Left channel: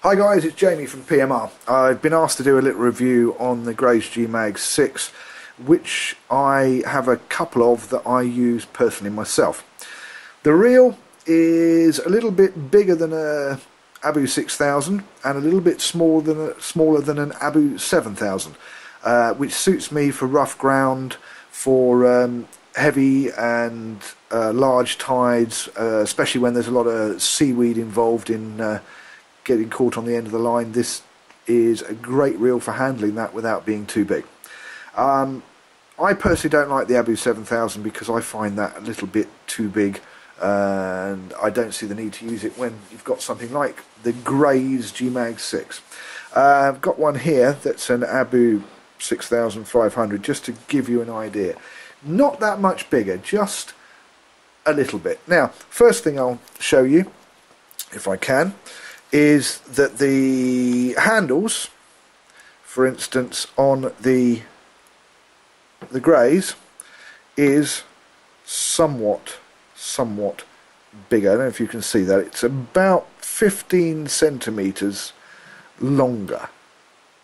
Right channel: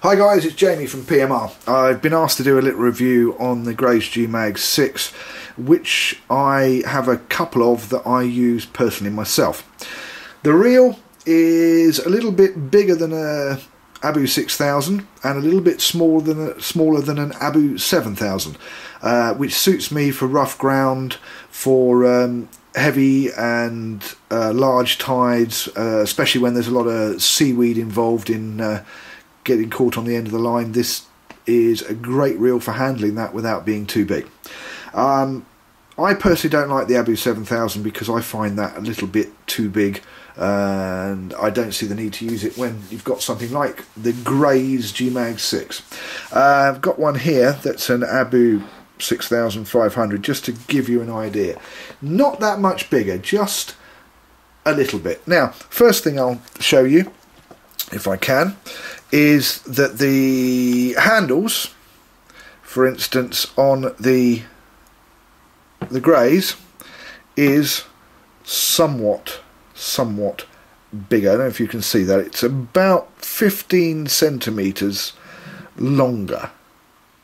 Hi guys, it's Jamie from PMR. I've been asked to do a little review on the Grace G-Mag 6, which I have a couple of that I use personally myself. The reel is a little bit bigger than a Abu 6000 and a little bit smaller than an Abu 7000, which suits me for rough ground, for heavy and large tides, especially when there's a lot of seaweed involved in getting caught on the end of the line. This is a great reel for handling that without being too big. I personally don't like the Abu 7000 because I find that a little bit too big, and I don't see the need to use it when you've got something like the Grace G-Mag 6. I've got one here that's an Abu 6500, just to give you an idea. Not that much bigger, just a little bit. Now, first thing I'll show you, if I can, is that the handles, for instance, on the Grace is somewhat bigger. I don't know if you can see that. It's about 15 centimetres longer.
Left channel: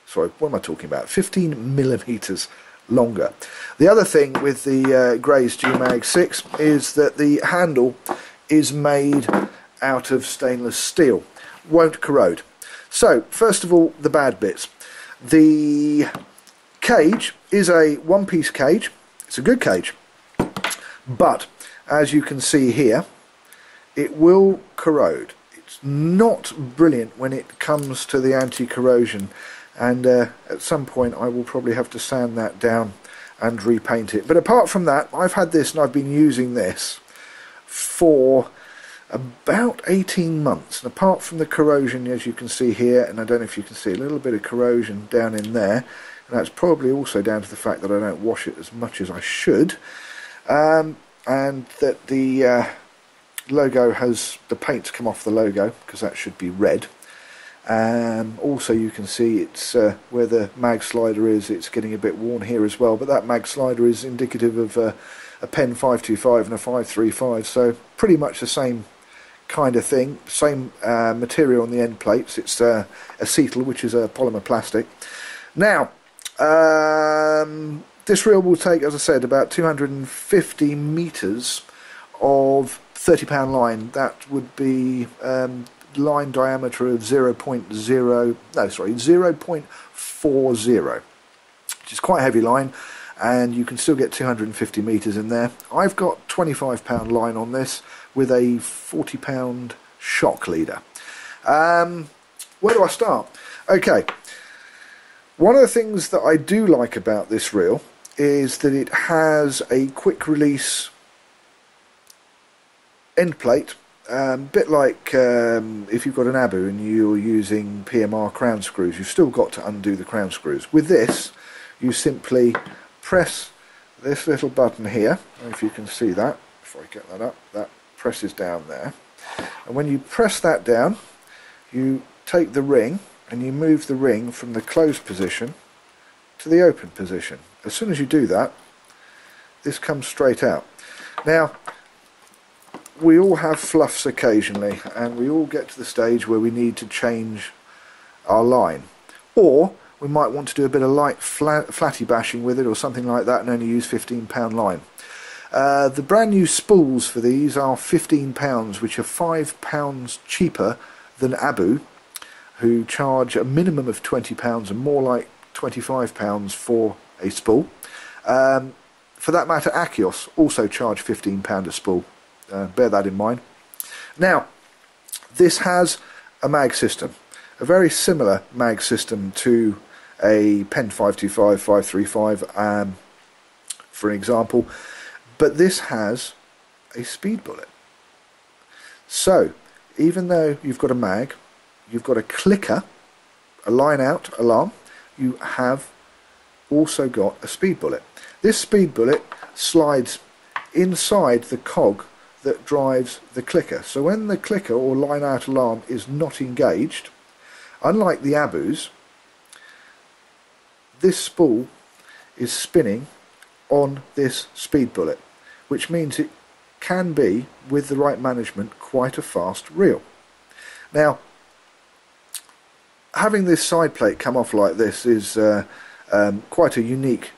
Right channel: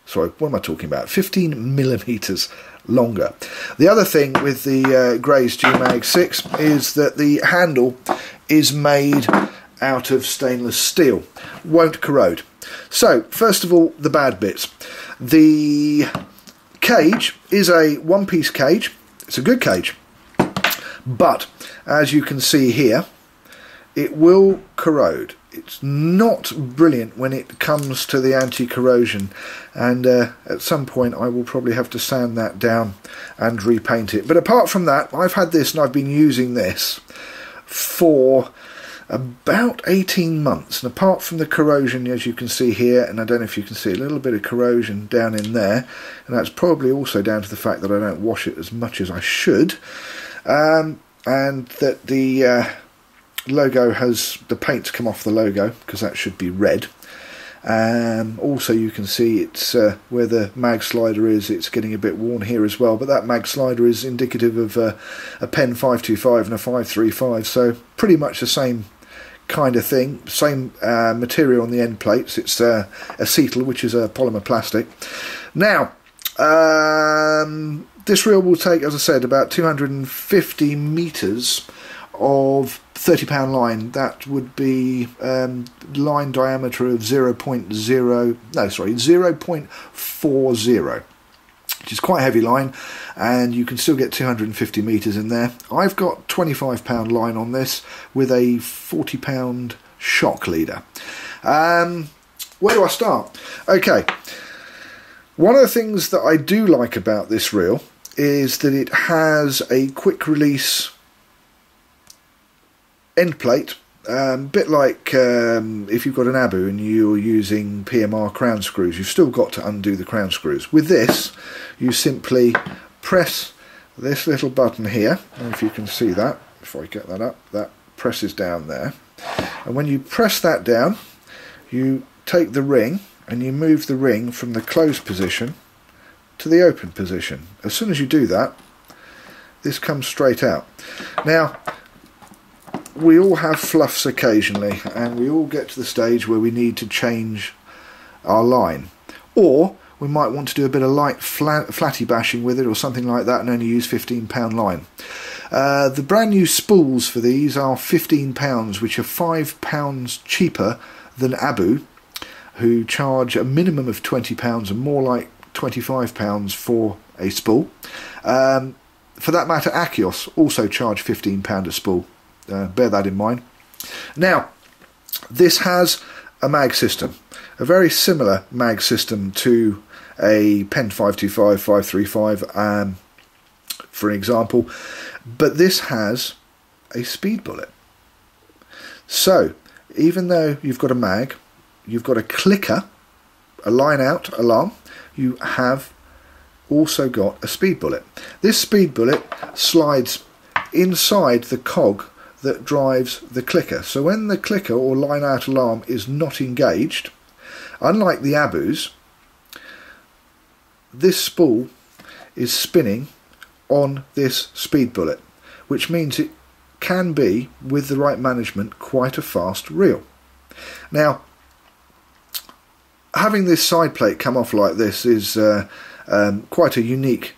Sorry, what am I talking about? 15 millimetres longer. The other thing with the Grace G-Mag 6 is that the handle is made out of stainless steel. Won't corrode. So, first of all, the bad bits. The cage is a one-piece cage. It's a good cage. But, as you can see here, it will corrode. It's not brilliant when it comes to the anti-corrosion, and at some point I will probably have to sand that down and repaint it. But apart from that, I've had this and I've been using this for about 18 months, and apart from the corrosion, as you can see here, and I don't know if you can see a little bit of corrosion down in there, and that's probably also down to the fact that I don't wash it as much as I should, and that the logo has, the paint's come off the logo because that should be red. Also you can see it's where the mag slider is, it's getting a bit worn here as well, but that mag slider is indicative of a Pen 525 and a 535, so pretty much the same kind of thing, same material on the end plates. It's acetal, which is a polymer plastic. Now, this reel will take, as I said, about 250 metres of 30-pound line. That would be line diameter of 0.40, which is quite a heavy line, and you can still get 250 metres in there. I've got 25-pound line on this with a 40-pound shock leader. Where do I start? Okay, one of the things that I do like about this reel is that it has a quick release end plate, a bit like if you've got an Abu and you're using PMR crown screws, you've still got to undo the crown screws. With this, you simply press this little button here. I don't know if you can see that. If I get that up, that presses down there. And when you press that down, you take the ring and you move the ring from the closed position to the open position. As soon as you do that, this comes straight out. Now, we all have fluffs occasionally, and we all get to the stage where we need to change our line, or we might want to do a bit of light flatty bashing with it or something like that and only use 15-pound line. The brand new spools for these are £15, which are £5 cheaper than Abu, who charge a minimum of £20 and more like £25 for a spool. For that matter, Achios also charge £15 a spool. Bear that in mind. Now, this has a mag system, a very similar mag system to a Pen 525, 535, for example, but this has a speed bullet. So, even though you've got a mag, you've got a clicker, a line out alarm, you have also got a speed bullet. This speed bullet slides inside the cog that drives the clicker. So when the clicker or line out alarm is not engaged, unlike the Abus, this spool is spinning on this speed bullet, which means it can be, with the right management, quite a fast reel. Now, having this side plate come off like this is quite a unique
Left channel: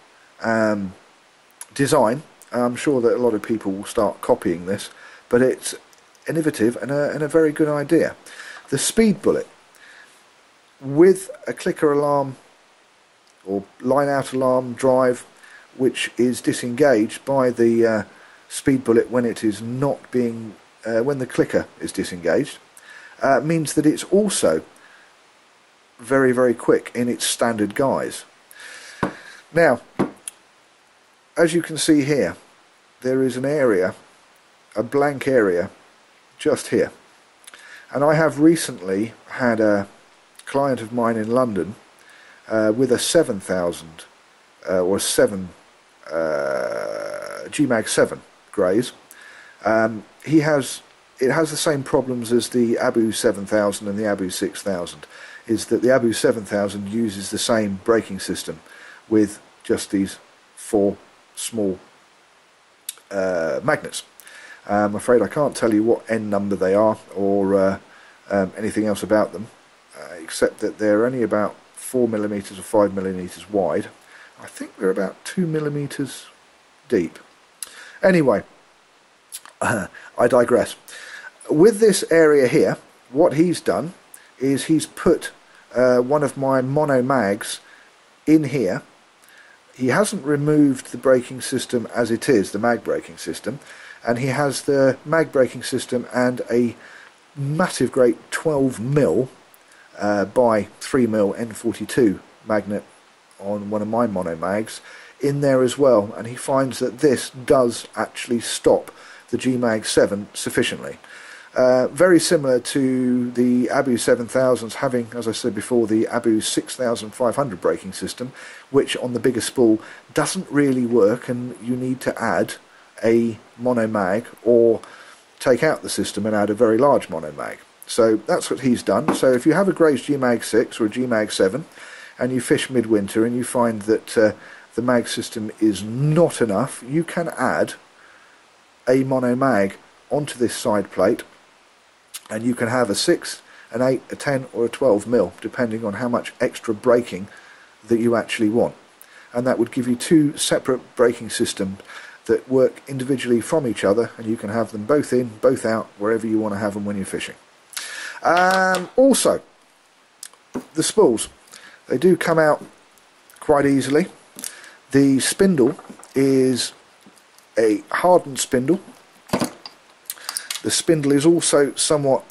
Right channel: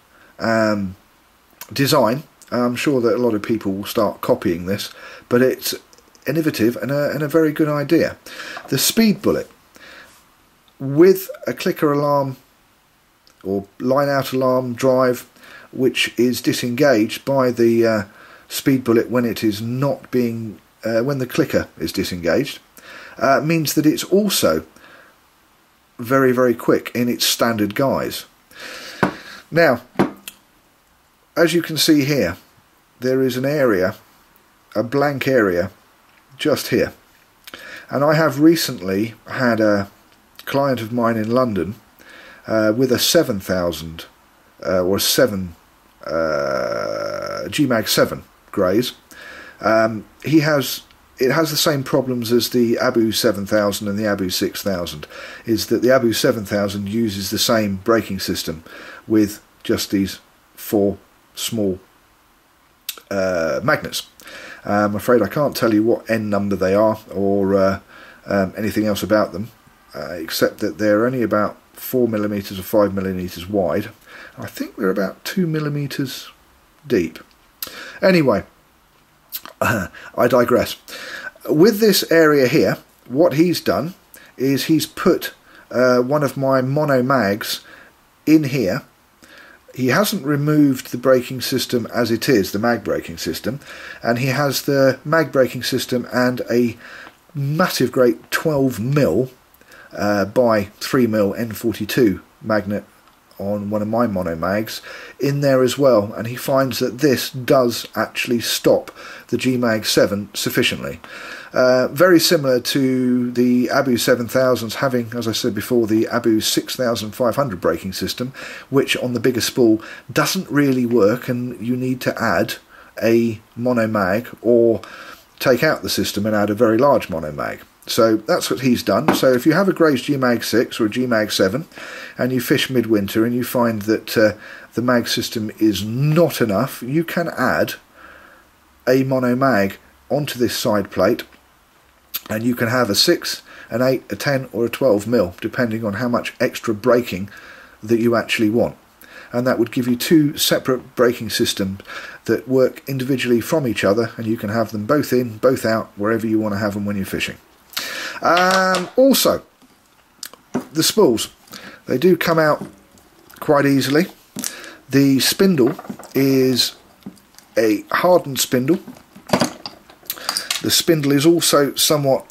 design. I'm sure that a lot of people will start copying this, but it's innovative and a very good idea. The speed bullet with a clicker alarm or line out alarm drive, which is disengaged by the speed bullet when it is not being when the clicker is disengaged, means that it's also very, very quick in its standard guise. Now, as you can see here, there is an area, a blank area, just here. And I have recently had a client of mine in London with a 7000 or 7 GMAG 7 greys. It has the same problems as the Abu 7000 and the Abu 6000, is that the Abu 7000 uses the same braking system with just these 4 small magnets. I'm afraid I can't tell you what N number they are or anything else about them, except that they're only about 4mm or 5mm wide. I think they're about 2mm deep. Anyway, I digress. With this area here, what he's done is he's put one of my mono mags in here. He hasn't removed the braking system as it is, the mag braking system, and he has the mag braking system and a massive great 12mm by 3mm N42 magnet on one of my mono mags in there as well, and he finds that this does actually stop the GMAG 7 sufficiently. Very similar to the Abu 7000s having, as I said before, the Abu 6500 braking system, which on the bigger spool doesn't really work, and you need to add a mono mag or take out the system and add a very large mono mag. So that's what he's done. So if you have a Gray's GMAG 6 or a GMAG 7 and you fish midwinter and you find that the mag system is not enough, you can add a mono mag onto this side plate, and you can have a 6, an 8, a 10 or a 12mm depending on how much extra braking that you actually want, and that would give you 2 separate braking systems that work individually from each other, and you can have them both in, both out, wherever you want to have them when you're fishing. Also, the spools, they do come out quite easily. The spindle is a hardened spindle. The spindle is also somewhat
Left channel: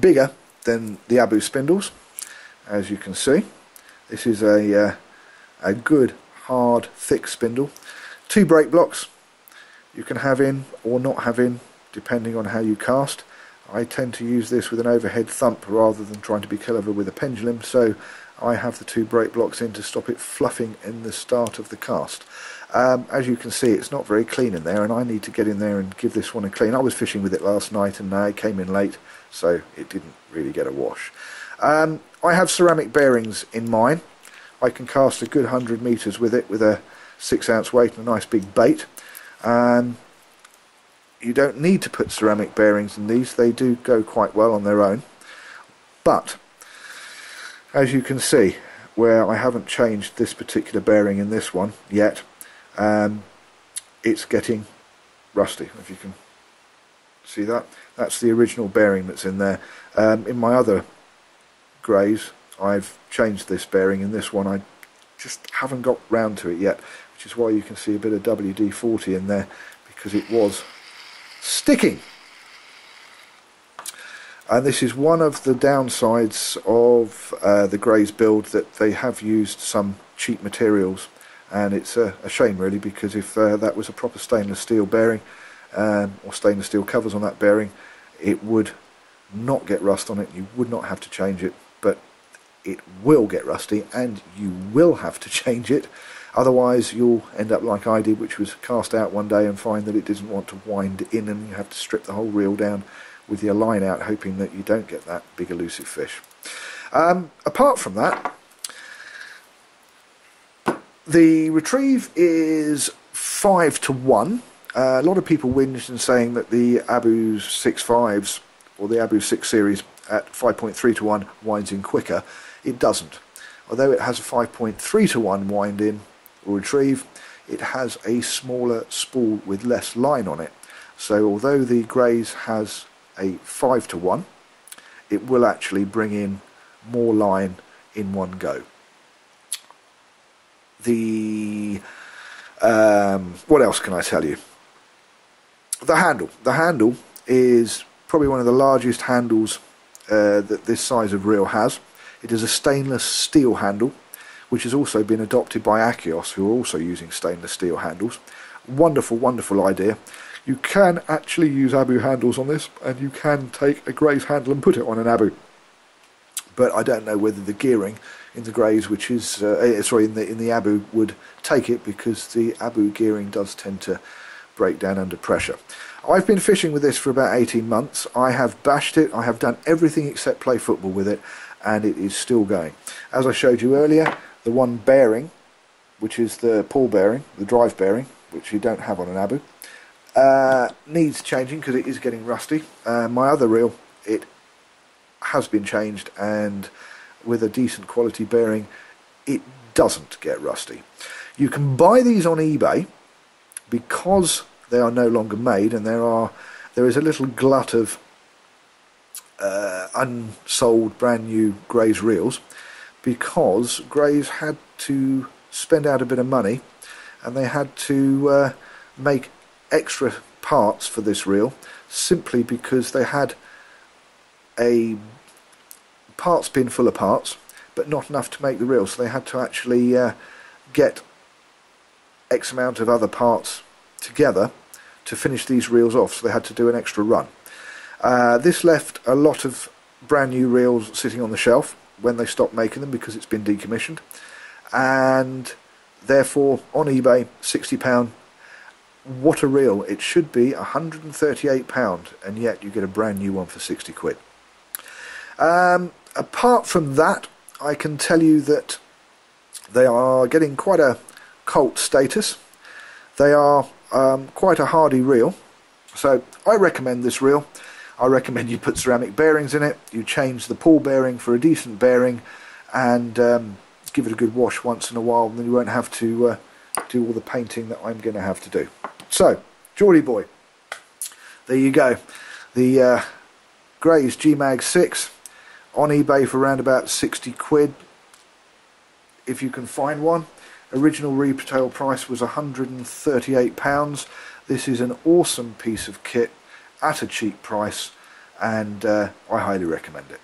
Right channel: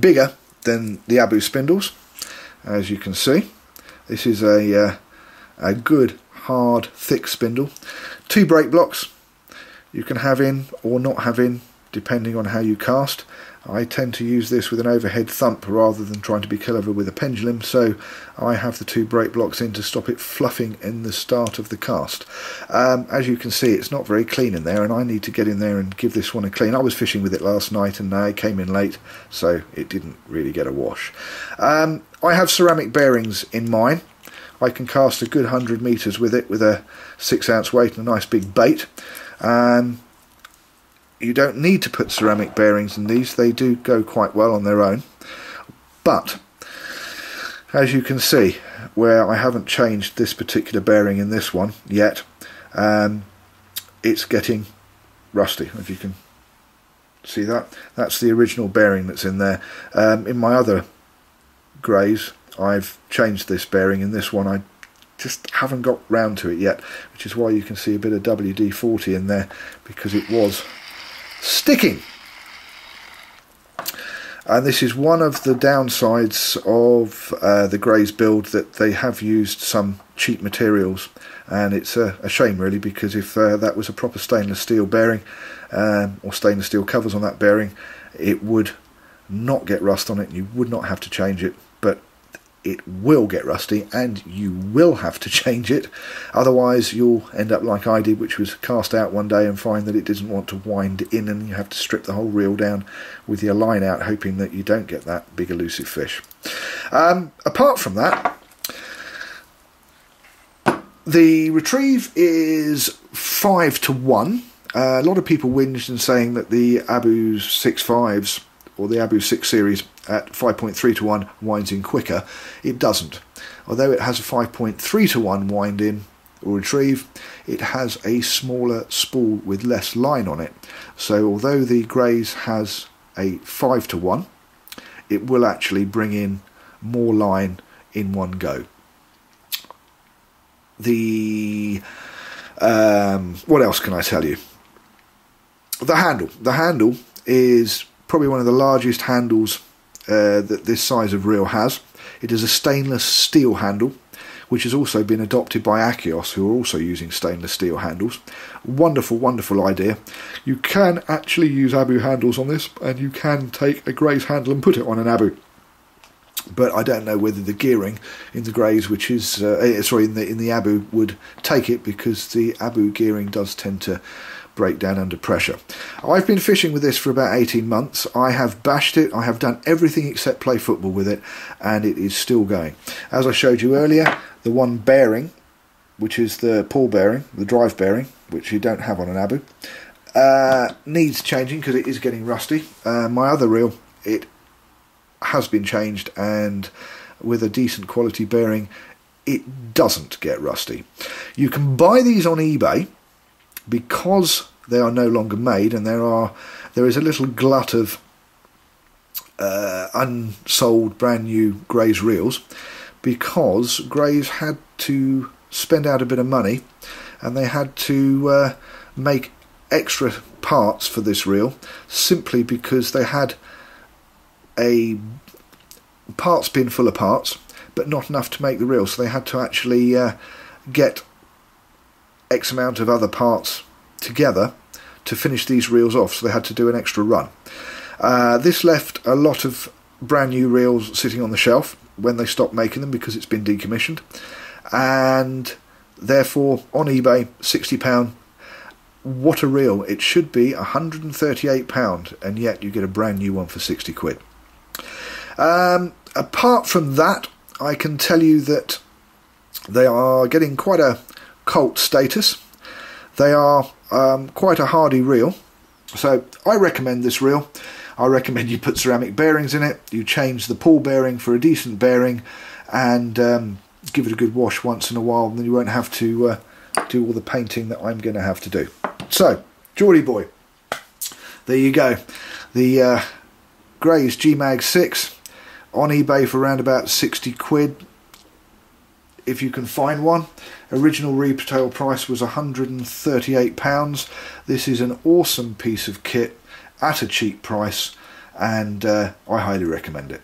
bigger than the Abu spindles, as you can see. This is a good, hard, thick spindle. 2 brake blocks you can have in or not have in, depending on how you cast. I tend to use this with an overhead thump rather than trying to be clever with a pendulum, so I have the 2 brake blocks in to stop it fluffing in the start of the cast. As you can see, it's not very clean in there, and I need to get in there and give this one a clean. I was fishing with it last night and it came in late, so it didn't really get a wash. I have ceramic bearings in mine. I can cast a good 100 metres with it with a 6-ounce weight and a nice big bait. You don't need to put ceramic bearings in these, they do go quite well on their own. But as you can see, where I haven't changed this particular bearing in this one yet, it's getting rusty. If you can see that, that's the original bearing that's in there. In my other greys, I've changed this bearing. In this one, I just haven't got round to it yet, which is why you can see a bit of WD-40 in there, because it was sticking. And this is one of the downsides of the Greys build, that they have used some cheap materials, and it's a shame really, because if that was a proper stainless steel bearing or stainless steel covers on that bearing, it would not get rust on it, you would not have to change it. But it will get rusty and you will have to change it, otherwise you'll end up like I did, which was cast out one day and find that it doesn't want to wind in, and you have to strip the whole reel down with your line out, hoping that you don't get that big elusive fish. Apart from that, the retrieve is 5-to-1. A lot of people whinged and saying that the Abu 6.5s or the Abu 6 series at 5.3 to 1 winds in quicker. It doesn't. Although it has a 5.3 to 1 wind in or retrieve, it has a smaller spool with less line on it. So although the Grays has a 5 to 1, it will actually bring in more line in one go. What else can I tell you? The handle. The handle is probably one of the largest handles that this size of reel has. It is a stainless steel handle, which has also been adopted by Achios, who are also using stainless steel handles. Wonderful, wonderful idea. You can actually use Abu handles on this, and you can take a Grays handle and put it on an Abu. But I don't know whether the gearing in the Grays, which is in the Abu, would take it, because the Abu gearing does tend to break down under pressure. I've been fishing with this for about 18 months. I have bashed it. I have done everything except play football with it, and it is still going. As I showed you earlier, the one bearing, which is the pull bearing, the drive bearing, which you don't have on an Abu, needs changing because it is getting rusty. My other reel, it has been changed, and with a decent quality bearing, it doesn't get rusty. You can buy these on eBay because they are no longer made, and there is a little glut of unsold brand new Grays reels, because Grays had to spend out a bit of money, and they had to make extra parts for this reel, simply because they had a parts bin full of parts but not enough to make the reel, so they had to actually get X amount of other parts together to finish these reels off, so they had to do an extra run. This left a lot of brand new reels sitting on the shelf when they stopped making them, because it's been decommissioned, and therefore on eBay, £60. What a reel! It should be £138, and yet you get a brand new one for 60 quid. Apart from that, I can tell you that they are getting quite a cult status. They are quite a hardy reel, so I recommend this reel. I recommend you put ceramic bearings in it, you change the pull bearing for a decent bearing, and give it a good wash once in a while, and then you won't have to do all the painting that I'm going to have to do. So, Geordie boy, there you go. The Grays G-Mag 6 on eBay for around about 60 quid, if you can find one. Original retail price was £138. This is an awesome piece of kit at a cheap price, and I highly recommend it.